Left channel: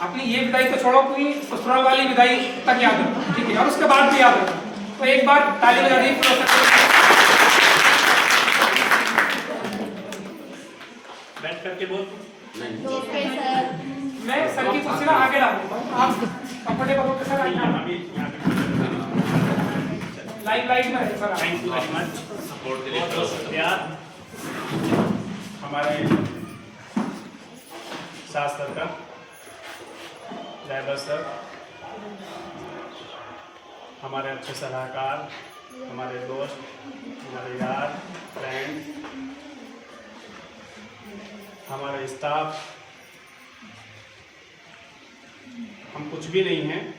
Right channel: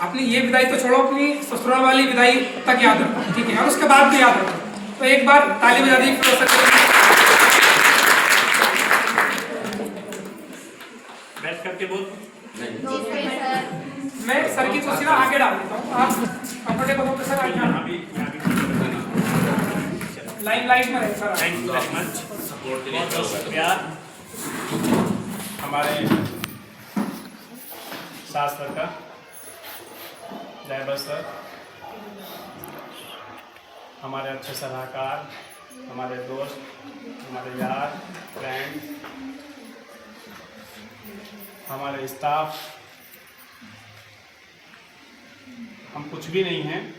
अपनी ये विदाई तो छोड़ो, अपनी ससुराल वाली विदाई तक याद रखो, ठीक है, और उसके बाद भी याद रखो। तो एक बार ताली बजा दी। बैठ करके बोल। मैं सर की कुर्सी ना आगे डाल देता हूँ, आप कंफर्टेबल होकर सर लाइन में रहे sir. Thank you very much support के लिए। बहुत शुक्रिया हमारे सास सर का, ड्राइवर सर, हमारे अच्छे सलाहकार, हमारे दोस्त, हमारे यार, फ्रेंड, हमारे स्टाफ। हम कुछ भी नहीं हैं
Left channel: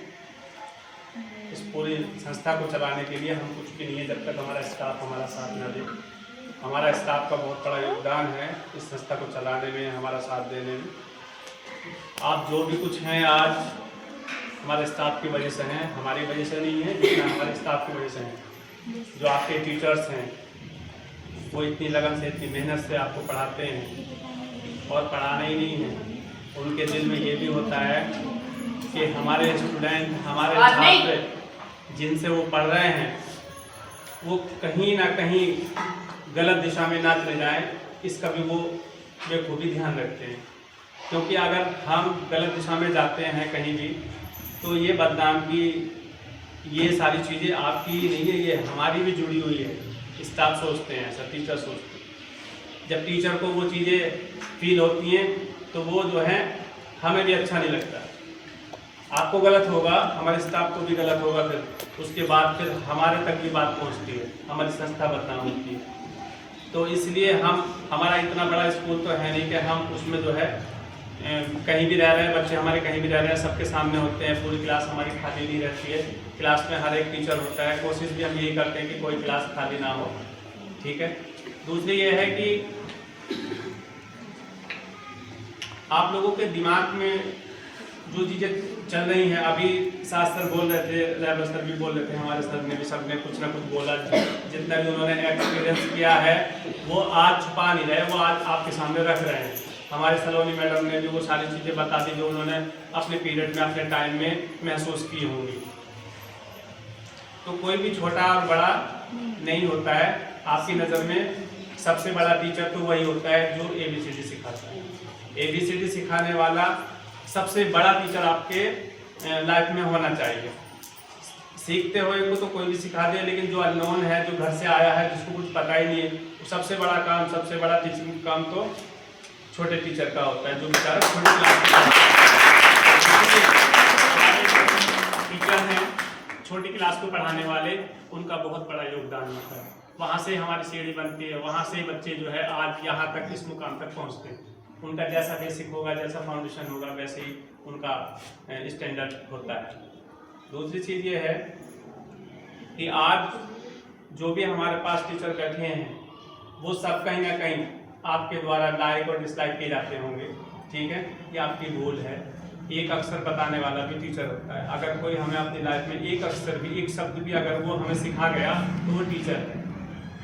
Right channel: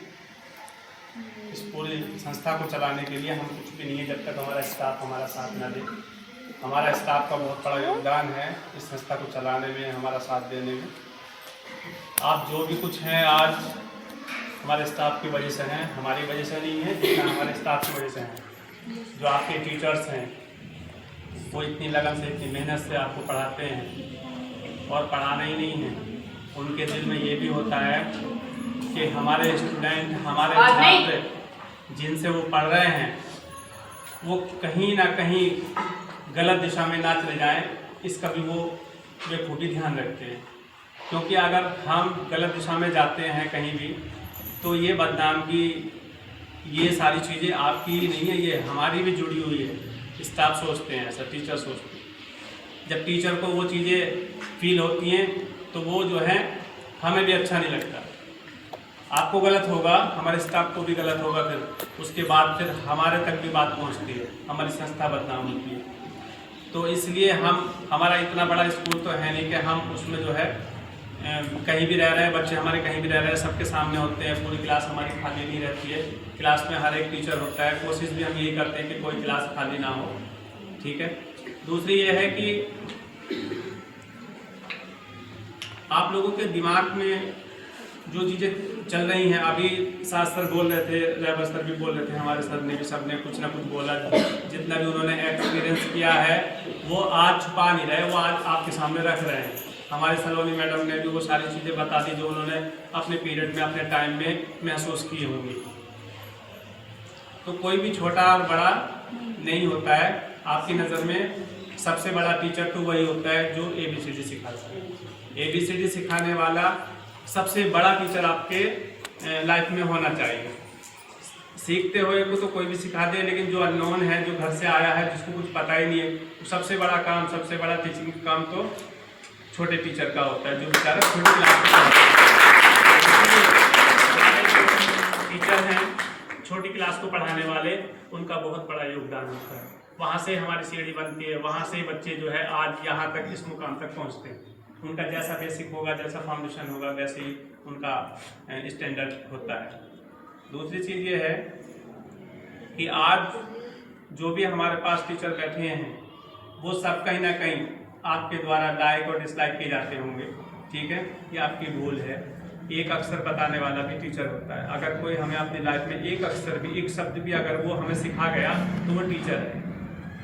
इस पूरी संस्था को चलाने के लिए, हम कुछ भी नहीं है जब तक हमारा स्टाफ हमारा साथ न दे। हमारा स्टाफ का बहुत बड़ा योगदान है इस संस्था को चलाने में, हमारा साथ देने में। आप जो भी कुछ हैं आज हमारे स्टाफ की वजह से हैं, हमारी वजह से नहीं है, जितना हमारे स्टाफ की वजह से हैं। जो आपके टीचर्स हैं वो इतनी लगन से, इतनी मेहनत से आपको पढ़ाते हैं, और पढ़ाना ही नहीं है, उनके दिल में ये भी होता है कि हमारे स्टूडेंट, हमारे छात्र जिनसे वो पढ़ रहे हैं वो कहीं ना कहीं गलत दिशा में ना चले जाएं, इसका भी वो बेखूबी ध्यान रखते हैं। क्योंकि अगर हम गलत दिशा में जाते हैं कहीं भी, तो ये बदनाम की ये सारी चीज़ें आपकी नहीं है, ये हमारी भी जुड़ी हुई है। स्टाफ सोचते हैं ऐसा, टीचर सोचते हैं। जब टीचर को वो चीज़ें फील होती हैं तो वो जो है हमें भी अच्छा नहीं लगता। आपको गलत होगा, हमारे स्टाफ को भी गलत होगा, फिर उसके बाद फिर हमारे तक भी बात पहुंचती है, हमारी संस्था बदनाम होती है। तो इसलिए हमारा इतना बड़ा स्कूल तो है नहीं कि हम उसमें जो है कहीं भी रह रहे हैं, बच्चे हमारे कहीं भी रह रहे हैं, सबके सामने होते हैं, पूरी क्लास हमारी खाली नहीं रहती है। क्लास में हर एक टीचर होता है, कोशिश भी हम यही करते हैं कि कोई क्लास खाली ना हो, ठीक है। दूसरी ये है कि आप लोगों के दिमाग में जो चीज़ें चल रही हैं, अभी सास सर बोल रहे थे, ड्राइवर सर भी बोल रहे थे, हमारे सर ने भी, सब ने कुछ ना कुछ बोला। जितना भी उन्होंने एक्सपीरियंस किया है वो आज छुपा नहीं रहे, वो आज आपके सामने रख रहे हैं। हमारे सलोनी मैडम ने भी वो सारी चीज़ें बता दी जो उन्होंने अपने पीरियड में, अपने टाइम में महसूस की होंगी। तो कोई भी छोटा और बड़ा नहीं होता है, आपकी नज़र में सबसे बड़ा टीचर तो वही होता है जो ABCD सिखाता है। ABCD सिखाने वाला सबसे बड़ा टीचर आपके लाइफ में होना चाहिए। सीखते हुए को तो कोई भी सिखा दे, लेकिन जो अननोन है, जो घर से आया है, जिसको कुछ पता ही नहीं है, तो सबसे बड़ा काम, सबसे बड़ा टीचिंग काम तो छोटे टीचर का होता है, जो बेचारा छोटी क्लास के टीचर हैं, छोटी क्लास को पढ़ाने वाले, उनका बहुत बड़ा योगदान होता है। वहाँ से हमारी सीढ़ी बनती है, वहाँ से बच्चे जो है आज यहाँ तक, इस मुकाम तक पहुँचते हैं। उनका जैसा बेसिक होगा, जैसा फाउंडेशन होगा, वैसे ही उनका स्टैंडर्ड होता है। दूसरी चीज़ ये है कि आज जो भी हमारे पास टीचर बैठे हैं वो सब कहीं ना कहीं आपके द्वारा लाइक और डिसलाइक किए जाते होंगे, ठीक है, ये आपकी भूल है। एक अक्षर बताने वाला भी टीचर होता है। अगर कोई हमें अपनी लाइफ में एक अक्षर भी, एक शब्द भी अगर वो हमें सिखा गया तो वो टीचर है।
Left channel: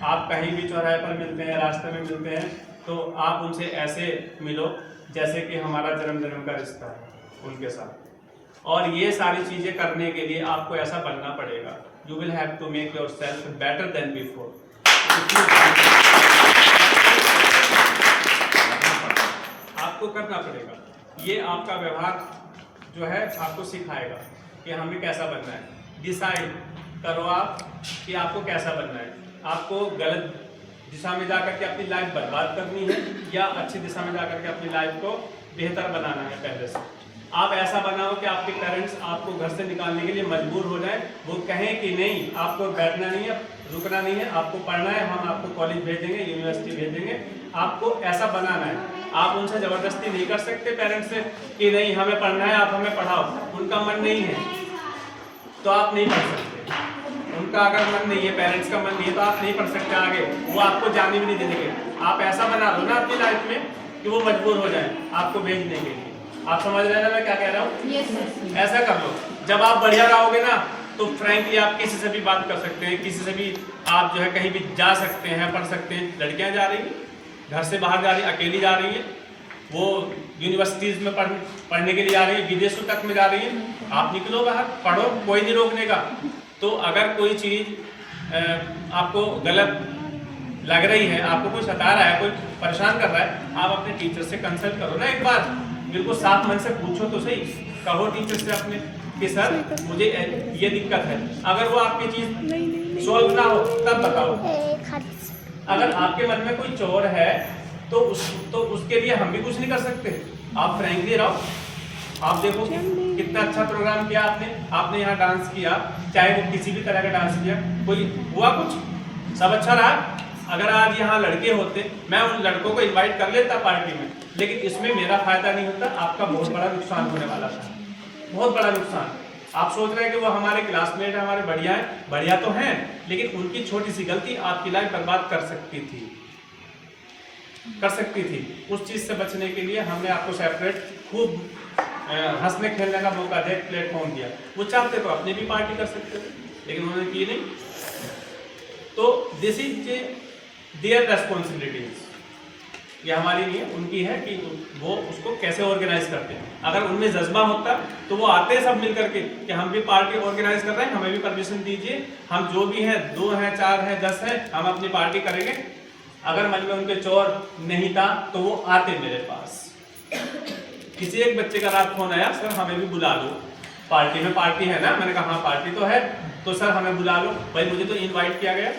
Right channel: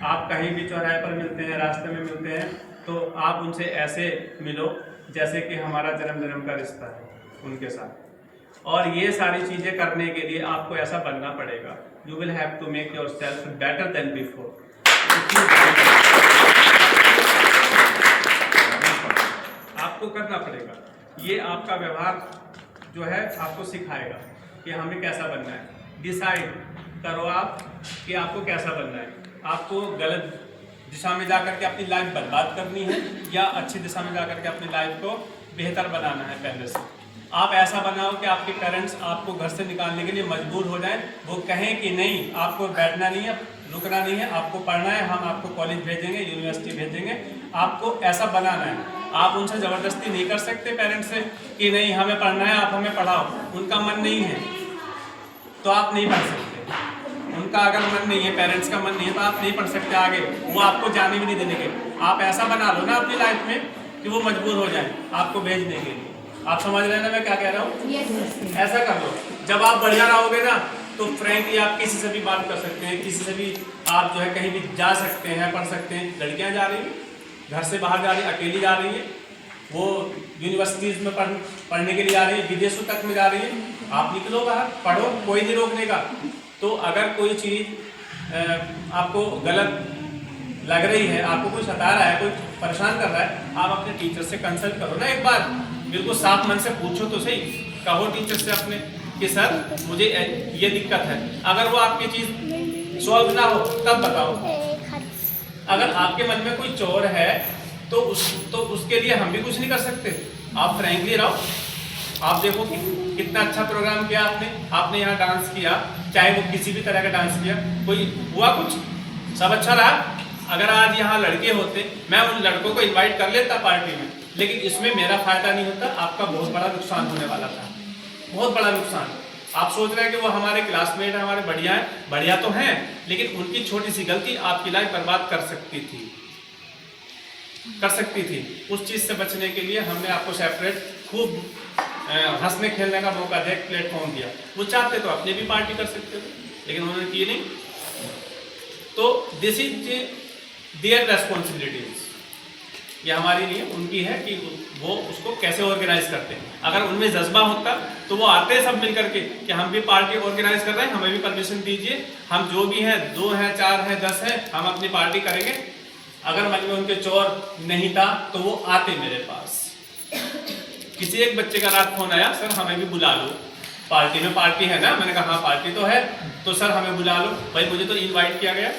आप कहीं भी चौराहे पर मिलते हैं, रास्ते में मिलते हैं, तो आप उनसे ऐसे मिलो जैसे कि हमारा जन्म जन्म का रिश्ता है उनके साथ। और ये सारी चीज़ें करने के लिए आपको ऐसा बनना पड़ेगा। You will have to make yourself better than before. आपको करना पड़ेगा। ये आपका व्यवहार जो है आपको सिखाएगा कि हमें कैसा बनना है। डिसाइड करो आप कि आपको कैसा बनना है। आपको गलत दिशा में जाकर के अपनी लाइफ बर्बाद करनी है या अच्छी दिशा में जाकर के अपनी लाइफ को बेहतर बनाना है। पहले से आप ऐसा बनाओ कि आपके पेरेंट्स आपको घर से निकालने के लिए मजबूर हो जाएं, वो कहें कि नहीं, आपको बैठना नहीं है, रुकना नहीं है, आपको पढ़ना है, हम आपको कॉलेज भेजेंगे, यूनिवर्सिटी भेजेंगे। आपको ऐसा बनाना है। आप उनसे ज़बरदस्ती नहीं कर सकते पेरेंट्स से कि नहीं हमें पढ़ना है, आप हमें पढ़ाओ। उनका मन नहीं है तो आप नहीं पढ़ सकते। उनका अगर मन नहीं है, पेरेंट्स का मन नहीं है, तो आप नहीं पढ़ सकते आगे। वो आपको जाने भी नहीं देंगे। आप ऐसा बना लो ना अपनी लाइफ में कि वो मजबूर हो जाए आपको भेजने के लिए। आप समझ रहे हैं ना मैं क्या कह रहा हूँ? yes. ऐसा कर लो। जब आप बढ़िया रहोगे ना तो फ्रैंकली आप किसी से भी बात कर सकते हैं, किसी से भी आप जो है कहीं भी जा सकते हैं, पढ़ सकते हैं। लड़कियाँ जा रही हैं, घर से बाहर जा रही, अकेली जा रही है, वो यूनिवर्सिटीज़ में पढ़ने के लिए जा रही है, विदेशों तक में जा रही है। आप निकलो बाहर, पढ़ो, कोई नहीं रोकने का। तो अगर कोई चीज़ आपको गलत लग रही है, आपको कोई सता रहा है, कोई परेशान कर रहा है, आप अपने टीचर से कंसल्ट करो ना एक बार, बिल्कुल साफ मन से पूछो तो सही। कहो टीचर से अपने कि सर मुझे ये दिक्कत है। अगर वो आपकी चीज़ सॉल्व ना हो तब बताओ। अगर आपके मन में कोई चोर है तो उसके लिए हम भी कुछ नहीं कर सकते। आप फ्रैंकली रहो। आप देखो कि कितना अच्छा प्रोग्राम किया आपने यहाँ डांस किया, चाहे वो किसी भी तरह का डांस किया, कोई हुआ कुछ, सब अच्छा रहा। अगर आज यहाँ लड़के होते, मैं उन लड़कों को इनवाइट कर लेता पार्टी में, लेकिन इसमें मेरा फायदा नहीं होता, आपका बहुत बड़ा नुकसान होने वाला था, बहुत बड़ा नुकसान। आप सोच रहे हैं कि वो हमारे क्लासमेट हैं, हमारे बढ़िया हैं, बढ़िया तो हैं, लेकिन उनकी छोटी सी गलती आपकी लाइफ बर्बाद कर सकती थी। उस चीज़ से बचने के लिए हमने आपको सेपरेट खूब हंसने खेलने का मौका दे, प्लेटफॉर्म दिया। वो चाहते तो अपनी भी पार्टी कर सकते थे, लेकिन उन्होंने की नहीं। तो दिस इज देयर रेस्पॉन्सिबिलिटीज, ये हमारी नहीं है, उनकी है कि वो उसको कैसे ऑर्गेनाइज करते हैं। अगर उनमें जज्बा होता तो वो आते सब मिल करके कि हम भी पार्टी ऑर्गेनाइज कर रहे हैं, हमें भी परमिशन दीजिए, हम जो भी हैं 2 हैं 4 हैं 10 हैं, हम अपनी पार्टी करेंगे। अगर मन में उनके चोर नहीं था तो वो आते मेरे पास। किसी एक बच्चे का रात फोन आया, सर हमें भी बुला लो पार्टी में, पार्टी है ना। मैंने कहा हाँ पार्टी तो है, तो सर हमें बुला लो। भाई मुझे तो इनवाइट किया गया,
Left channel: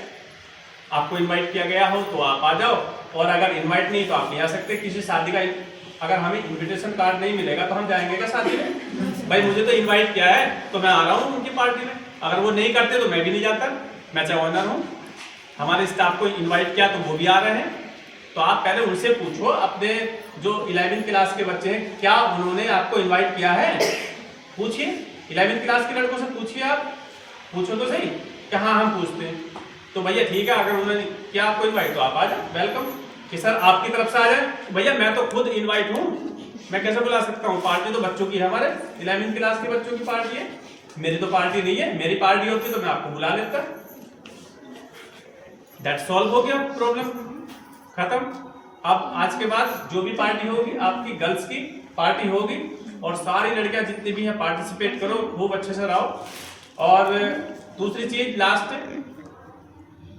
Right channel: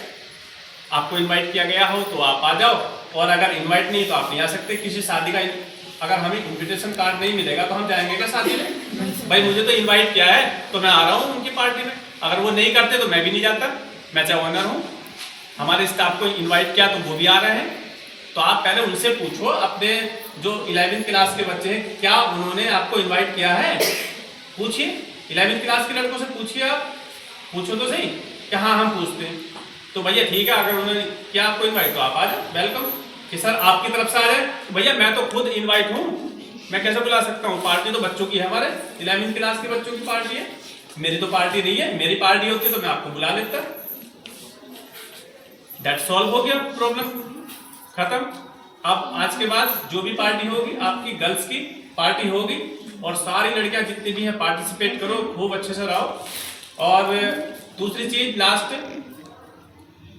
आपको इनवाइट किया गया हो तो आप आ जाओ, और अगर इनवाइट नहीं तो आप नहीं आ सकते। किसी शादी का अगर हमें इनविटेशन कार्ड नहीं मिलेगा तो हम जाएंगे क्या शादी में? भाई मुझे तो इनवाइट किया है तो मैं आ रहा हूँ उनकी पार्टी में। अगर वो नहीं करते तो मैं भी नहीं जाता, मैं चाहे ऑनर हूँ। हमारे स्टाफ को इनवाइट किया तो वो भी आ रहे हैं। तो आप पहले उनसे पूछो, अपने जो 11वीं क्लास के बच्चे हैं, क्या उन्होंने आपको इन्वाइट किया है? पूछिए, 11वीं क्लास के लड़कों से पूछिए, आप पूछो तो सही कि हाँ हम पूछते हैं। तो भैया ठीक है, अगर उन्होंने किया आपको इन्वाइट तो आप आ जाओ, वेलकम। कि सर आपकी तरफ से आ जाए, तो भैया मैं तो खुद इन्वाइट हूँ, मैं कैसे बुला सकता हूँ? पार्टी तो बच्चों की है, हमारे 11वीं क्लास के बच्चों की पार्टी है, मेरी तो पार्टी नहीं है। मेरी पार्टी होती तो मैं आपको बुला लेता। दैट सॉल्व हो गया, प्रॉब्लम खत्म। अब आज के बाद जो भी पार्टी होगी आपकी गर्ल्स की पार्टी होगी, और सारी लड़कियां जितनी भी हैं पार्टिसिपेट करो, खूब अच्छे से रहो। और दूसरी चीज लास्ट,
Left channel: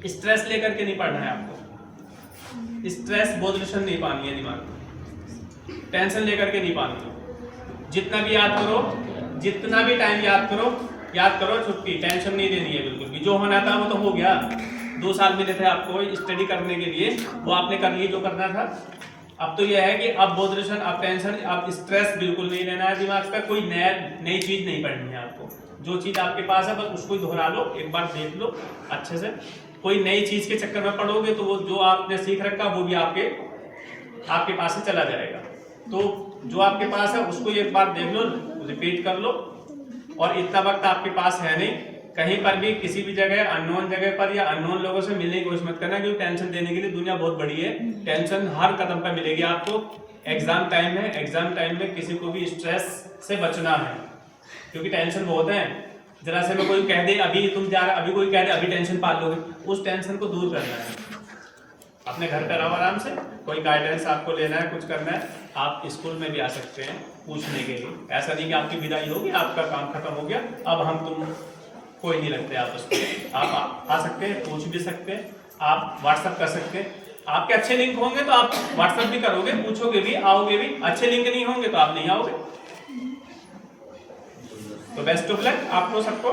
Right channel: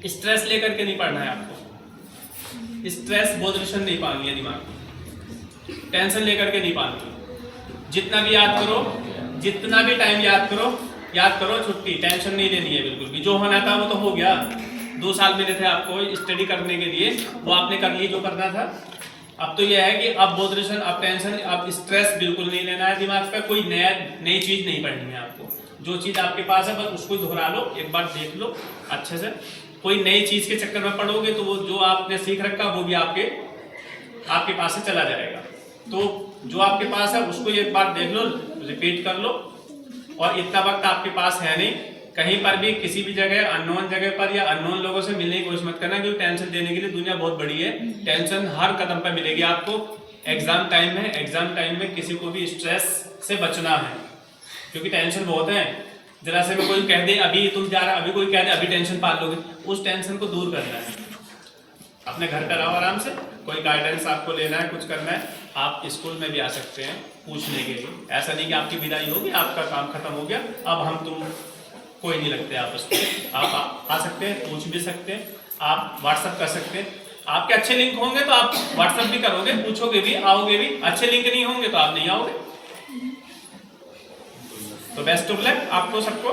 स्ट्रेस लेकर के नहीं पढ़ना है आपको। स्ट्रेस बोधरेशन नहीं पानी है दिमाग में, टेंशन लेकर के नहीं पानी। जितना भी याद करो, जितना भी टाइम याद करो छुट्टी, टेंशन नहीं लेनी है बिल्कुल भी। जो होना था वो तो हो गया। 2 साल मिले थे आपको स्टडी करने के लिए, वो आपने कर लिए जो करना था। अब तो यह है कि अब बोधरेशन, अब टेंशन, अब स्ट्रेस बिल्कुल नहीं लेना है दिमाग पे। कोई नई चीज नहीं पढ़नी है आपको। जो चीज आपके पास है बस उसको ही दोहरा लो, एक बार देख लो अच्छे से। कोई नई चीज के चक्कर में पढ़ोगे तो वो जो आपने सीख रखा वो भी आपके पास से चला जाएगा। तो जो आपके पास है उसको एक बार देख लो, रिपीट कर लो। और इतना वक्त आपके पास है नहीं, कहीं पर भी किसी भी जगह अननोन जगह पर या अननोन लोगों से मिलने की कोशिश मत करना, क्योंकि टेंशन देने के लिए दुनिया बहुत बड़ी है। टेंशन हर कदम पर मिलेगी आपको। एग्जाम टाइम है, एग्जाम टाइम में किसी को भी स्ट्रेस से बचना है, क्योंकि टेंशन बहुत है। जरा से में कोई कह दे अभी तुम जा रहे, अभी कोई कह दे अभी टेंशन पाल लोगे, उस टेंशन को दूर करना है। अपने घर पर रहो आराम से। कोई गाइडेंस आपको लेना है, कुछ करना है, आप स्कूल में भी आ सकते हैं पूछने के लिए। ऐसा नहीं कि आपकी विदाई होगी, आपका काम खत्म हो गया, अब हम तुम कोई नहीं लगते आपस में। आप आ सकते हैं, पूछ भी सकते हैं, आप व्हाट्सएप कर सकते हैं। आपके अच्छे लिंक होंगे तो आप व्हाट्सएप भी करोगे, पूछोगे भी, आओगे भी। अच्छे लिंक नहीं होंगे तो आप नहीं आओगे। तो बेस्ट ऑफ लक आपको सबको।